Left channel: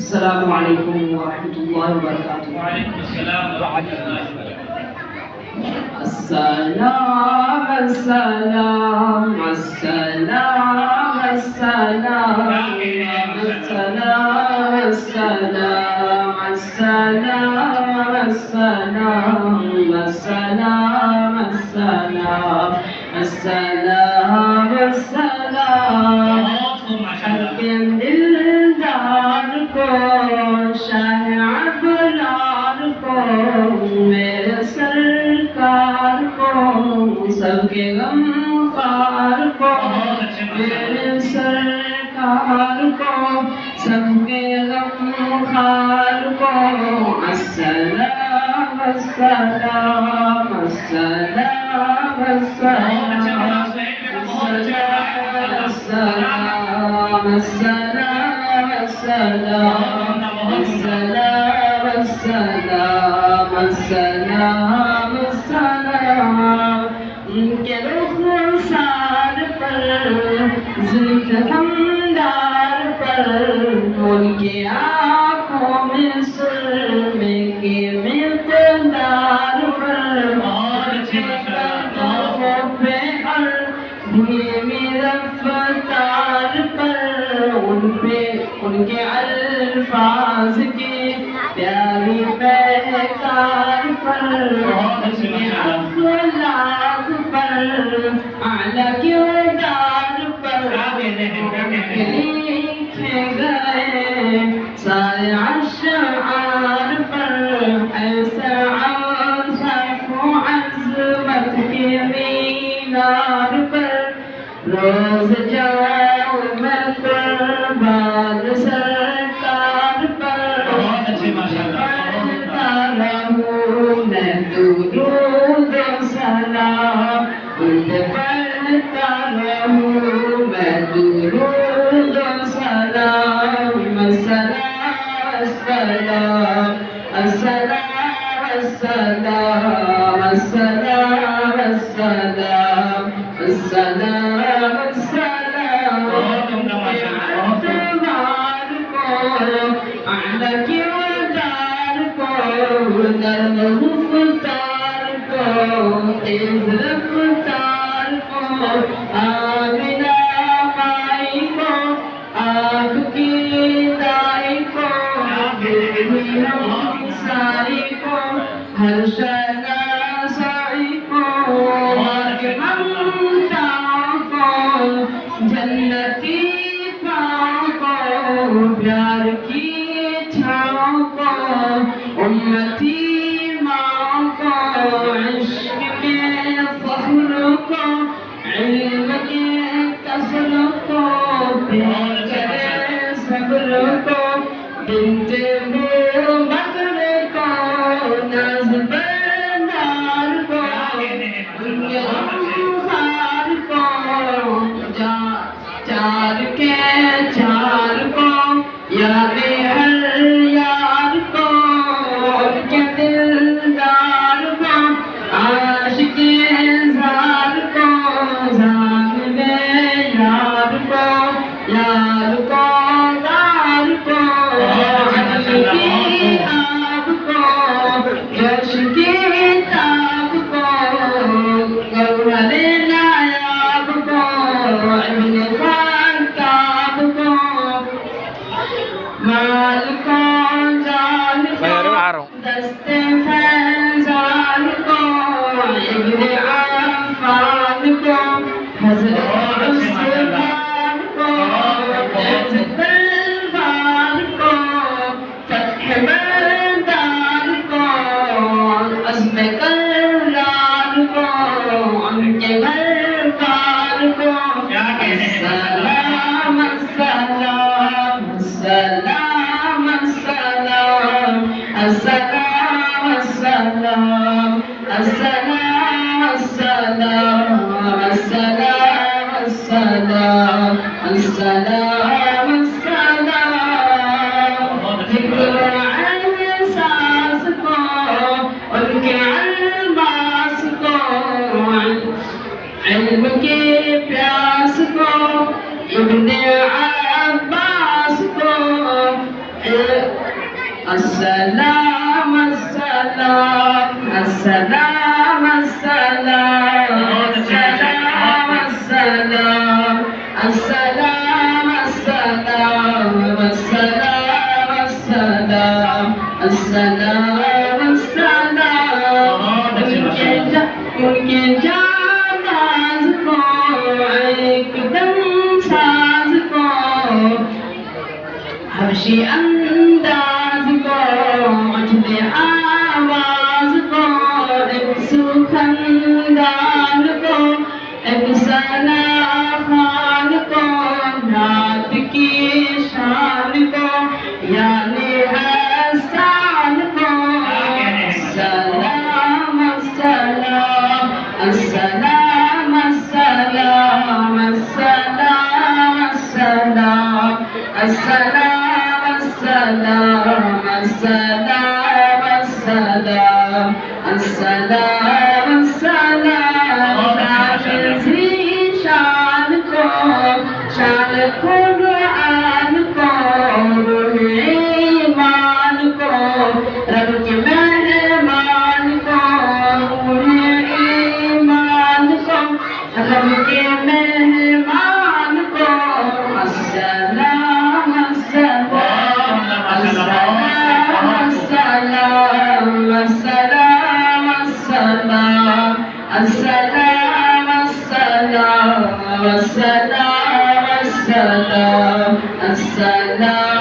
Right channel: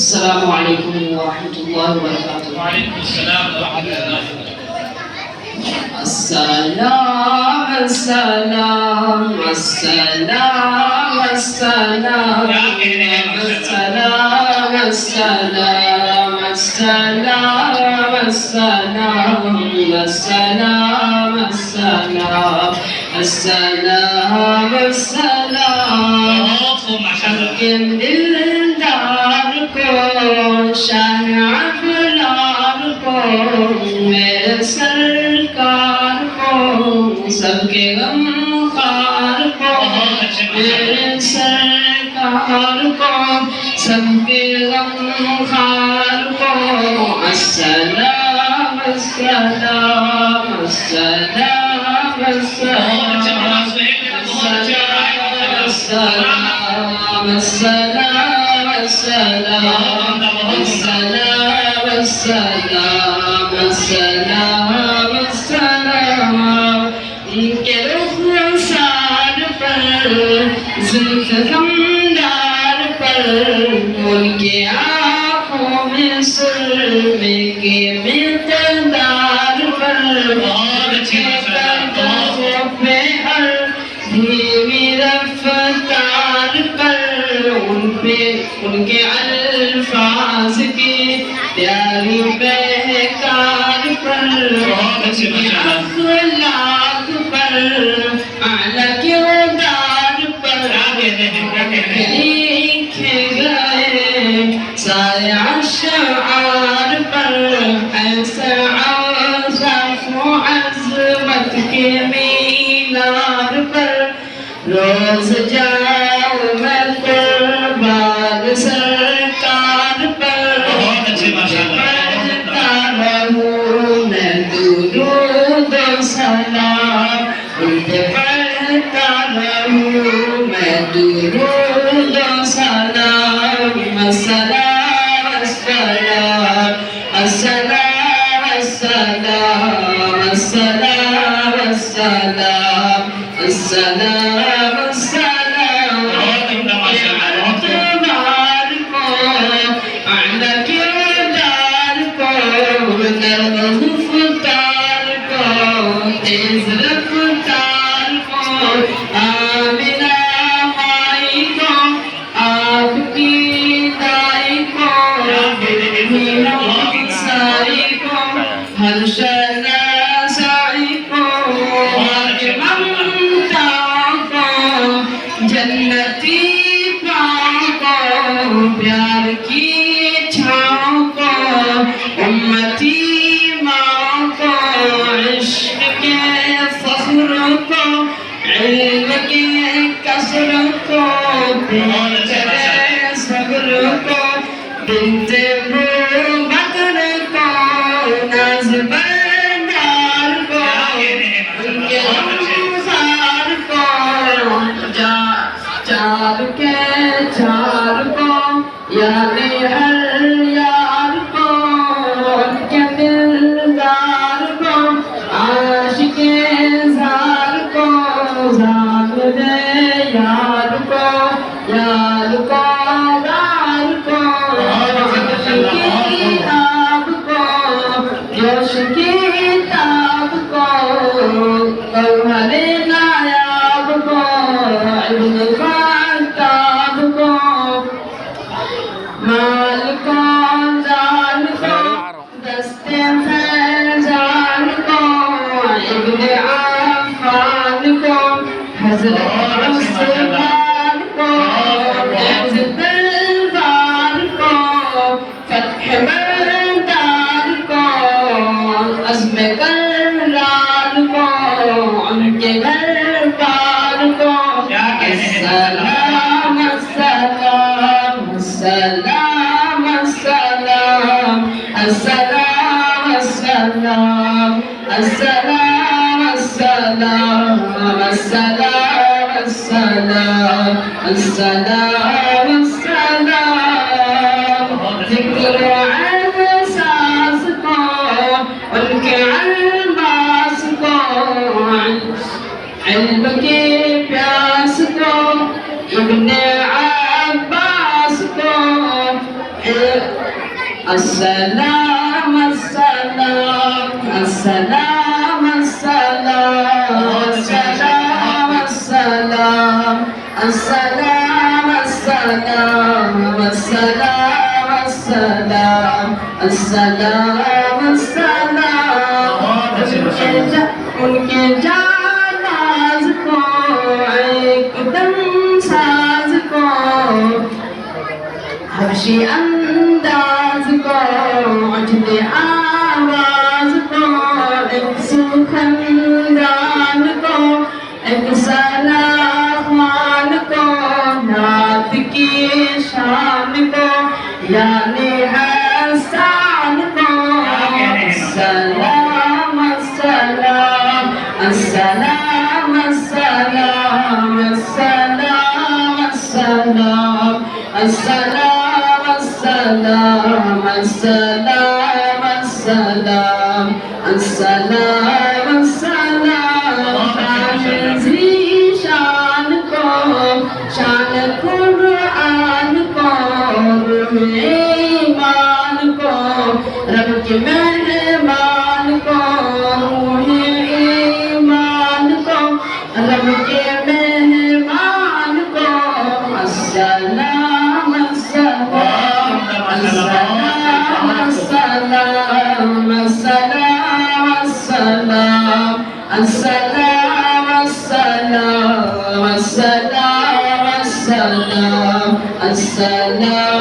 السلام عليكم ورحمة الله وبركاته. وعليكم السلام ورحمة الله وبركاته. السلام السلام السلام السلام السلام السلام السلام السلام السلام السلام السلام السلام كم دلدار کو شاہ افراد کو میرے سرکار کو سب کے غم خوار کو میرے سرکار کو سب کے غم خوار کو السلام السلام السلام السلام السلام السلام السلام السلام السلام السلام السلام ان کے رخ سار پر زلف خمدار پر ان کے آنکھوں میں سرمے کے مقدار پر دھیمی رفتار پر ان کے الفاظ کی پیاری بہکار پر اخلاق پر اعلیٰ کردار پر لکھے گئے سارے اشعار پر ایسا اوصاف و عظمت کے مینار پر روز جاؤں میں قربان سرکار پر پڑھتا رہوں میں درود و سلام ان پہ پڑھتا رہوں میں درود و سلام السلام السلام السلام السلام السلام السلام السلام السلام اعتبار کو اعلیٰ کردار کو نرم گفتار کو تیز رفتار کو آمنہ مائی کو آپ کی دائی کو بھیڑوں سائی کو ہر شناسائی کو جنتی پاؤں کو پیار کی چھاؤں کو امتی ماں کو عشق کے فخر کو علم کے کثر کو پیار صبر کو بنت بکر کو ناز بردار کو ان کے انصار کو چار کے چار کو یعنی ہر یار کو ان کے دلدار کو عاشق زار کو زاہد یار کو یار کو دار کو کی آب کو جوش کی تاب کو گوہر نایاب کو ابن خطاب کو مال کو جان کو دست فیضان کو ابن عفان کو حضرت عثمان کو عز تلوار کو فتح مردان کو عزم کرار کو ان کے گھر بار کو السلام السلام السلام السلام السلام السلام السلام السلام السلام السلام السلام السلام السلام السلام السلام السلام السلام ان کے جاناز کو ایک دم ساز کو حبشی انداز کو عجب آواز کو ایک سخندان کو ایک ثنا خوان کو نعت کی شان کو یعنی احسان کو السلام السلام السلام السلام السلام السلام السلام السلام السلام السلام السلام السلام شان کو شان قرآن کو روح ایمان کو رب کے مہمان کو روح ایمان کو رب کے مہمان کو السلام السلام السلام السلام السلام السلام السلام السلام السلام السلام السلام